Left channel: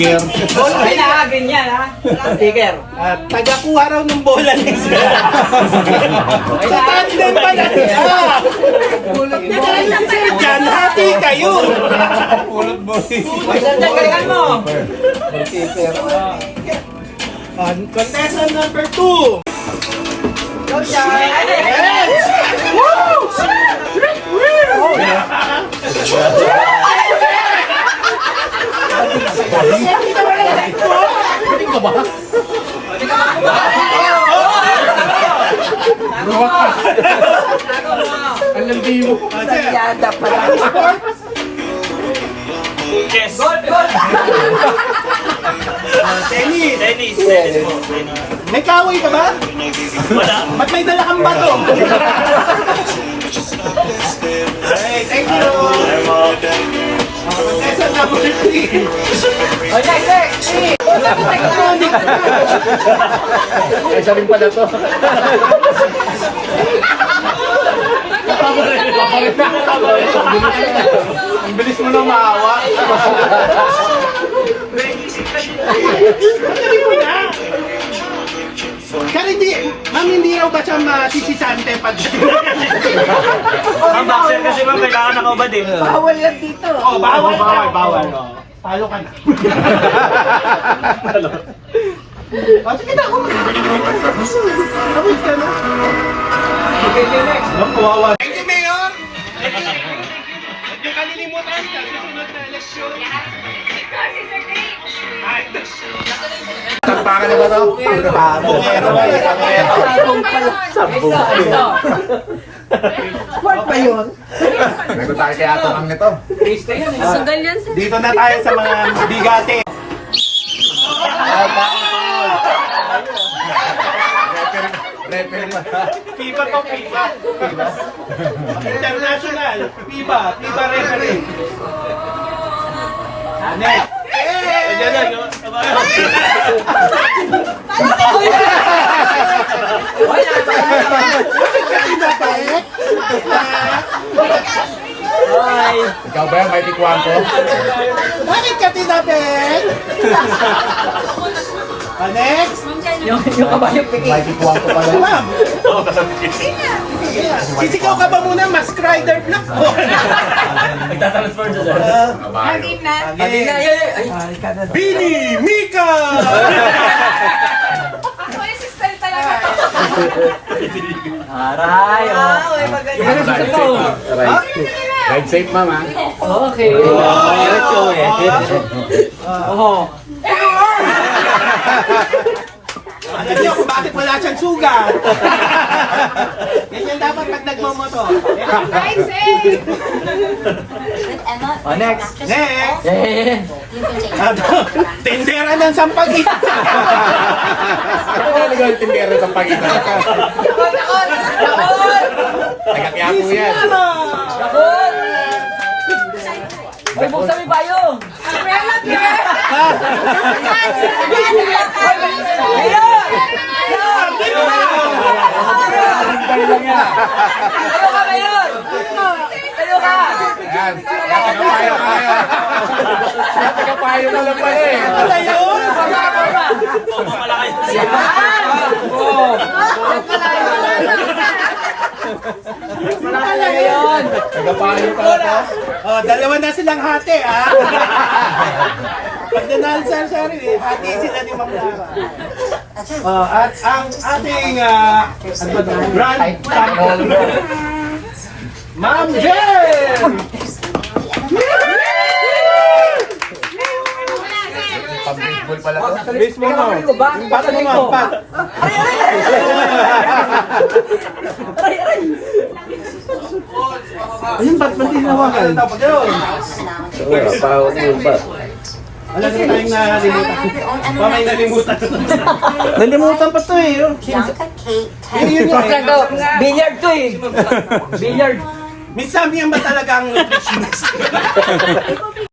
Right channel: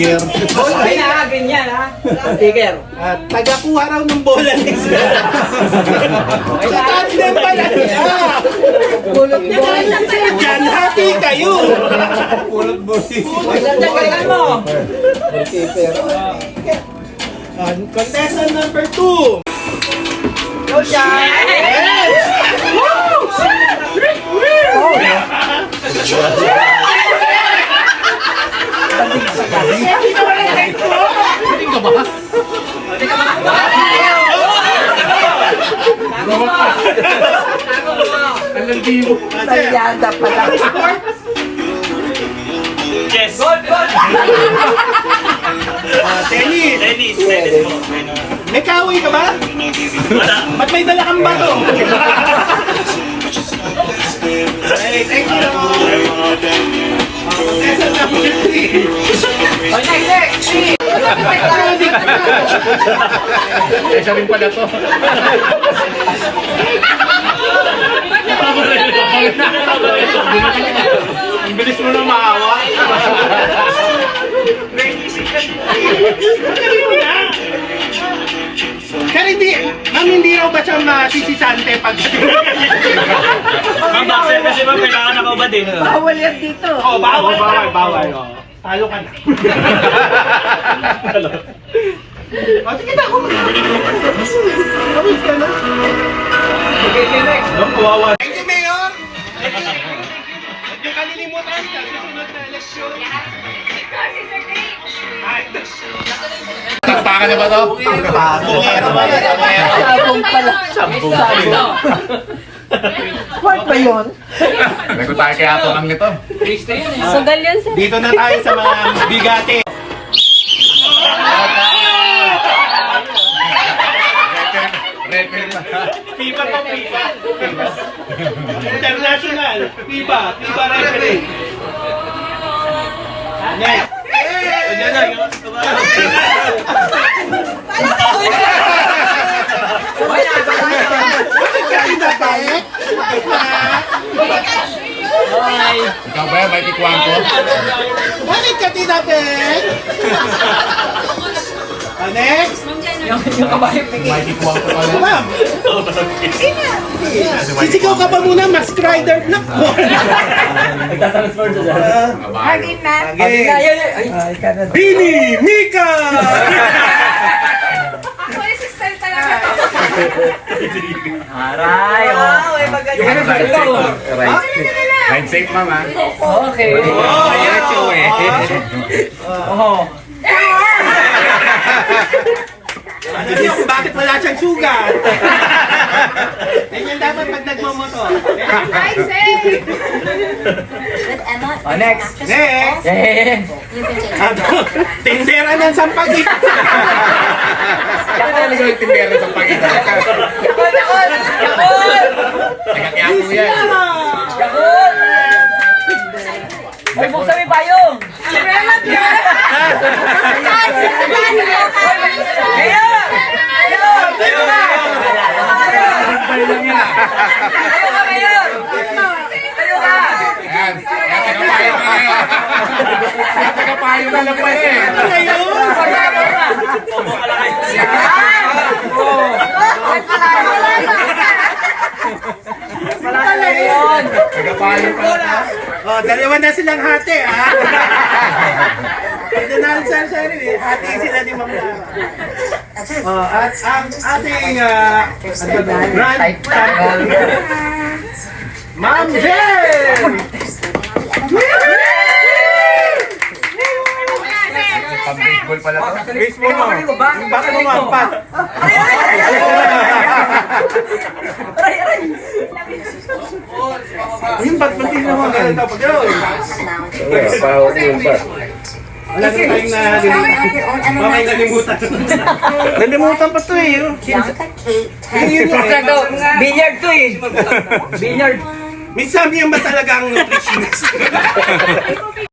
sticker. Ay na, ganyan ha. Sticker. Tagakuha raw ng bola ni Sir. Sa tandem pala siya. Sir Jan, hati kayo. Pulot boy. Magdagdag galingan mo. Contestant number 2. Go, Jan. Yes! Alergi mo. Sayada pala. Yes. Gold, gold. Tennis. Tennis. Tennis po. Tennis. May kaway ka ba? Wala. Ba't may dala kang bato? Hey, thank you. Contestant number 3. Ay, next. Isa rin pala to. Ang bilis mo nang maawa. Kaya hindi, ma'am, hindi raw ba siya masisisante pag... Ang boxer kasi ma'am, kailangan nakaubad eh. Bawal yan dito. Oh, bawal. Talo ka na. O, sige na ako. Tapos ka na. Okay, next. Thank you, Mayor! Huwag niyo kalilimutan sa susunod na eleksyon. Tampakan na ba ito? Bungero ba? Sabong pala. Sabong. Sport ba yun? Nago tayo kaya ito lang nito. Sagal yan sa... Dito na tayo sa mga bigate. FIBA pa, FIBA. International. FIBA referee. Next. Ayan na yun. Bakit ka tinapet? Ikaw ba? May tikuan ko? Bakit ka tinapet? Next. Yung kabayo piki. May tikuan ko pala. Ma'am. Sisigaw ka pa muna, Mask Rider. Nako. Hagin na. Ay, ay, kanan. Bini Mika! Ako yung sister talaga. Aray, oh. Yung ano sa ito. Ride safe, ma'am, ha? Okay. Oh, ayan, Oh. Alam niyo kung bakit wala siyang sugat. Ganyan dapat pag nagmamotor. Ride safe. Oh, next. Next. Eh. Tindera ng sampagit. Ako talaga yung tindero sa pag-inan. Nagkakiyako yan. Yakul! Ay, buksan mo yung payong! Umbrella girl. Mayor! Mayor! Ayaw ka, Mayor! Ayaw ka! Yan. Tagapayo na yan. Tagapayo na lang pala eh. Ano yun? Forma! Yan! Oh! Yan pala yun! Tagapayo pala. Oh, dalawa na silang hati, ha? Pag nanalo sa sarili, hati sila ni Ma'am Lara. Oh, at ang ating grand champion, Ma'am Jen! Pag-baseball pala to. Base mo mo. Bakit mo pa? Ayun, ba't mo ginawa ka na tapos yun? Wala na tayong nalimutan. Mamay nalimutan. Nalimutan pa to eh. Yun yun. Billiard to eh! Billiard! Minsan yan ba talagang nutritionist?